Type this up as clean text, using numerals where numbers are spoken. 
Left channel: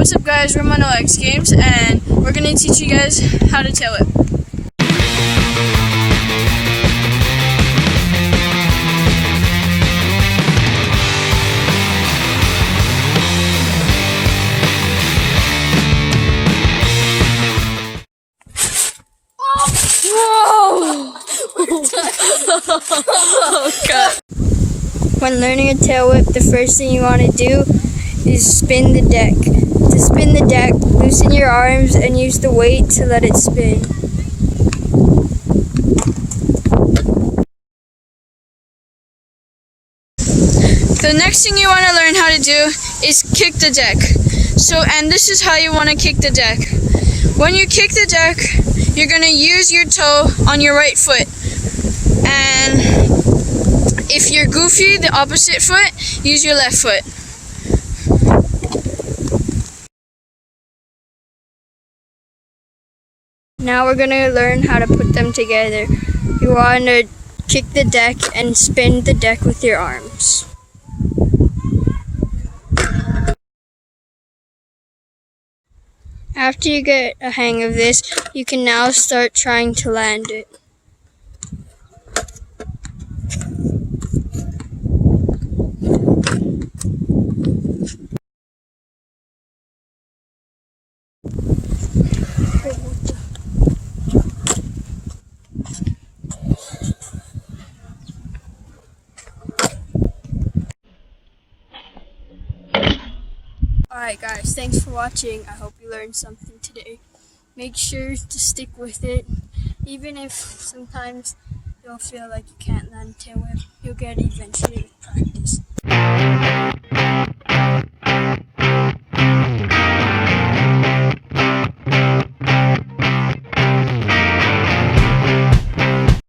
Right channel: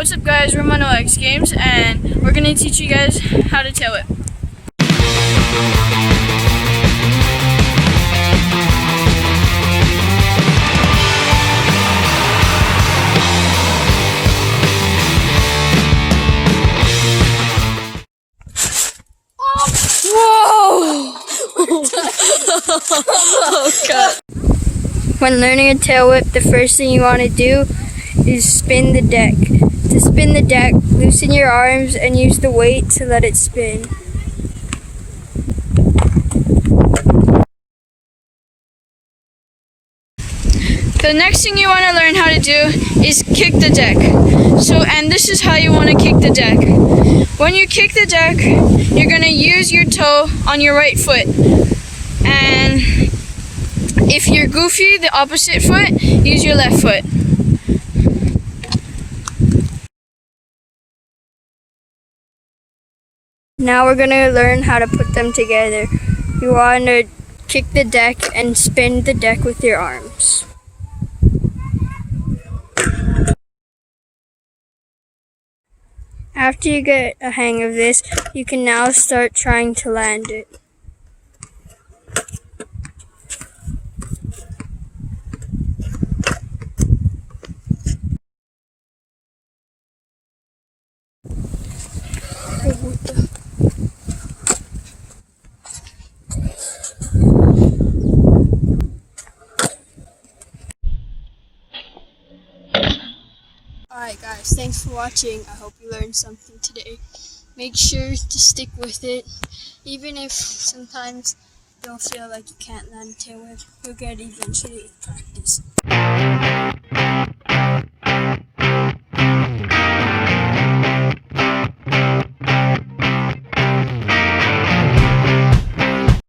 What's up guys, we're Mono X Games and we're going to teach you guys how to tail whip. Whoa! Oh god. When learning a tail whip, the first thing you want to do is spin the deck. To spin the deck, loosen your arms and use the weight to let it spin. The next thing you want to learn how to do is kick the deck. And this is how you want to kick the deck. When you kick the deck, you're going to use your toe on your right foot. And if you're goofy, the opposite foot, use your left foot. Now we're going to learn how to put them together. You want to kick the deck and spin the deck with your arms. After you get a hang of this, you can now start trying to land it. Alright guys, thanks for watching. I hope you learned something today. Make sure to stick with it. Even if sometimes you don't feel like you can't land a tail whip, you'll get it eventually. Practice.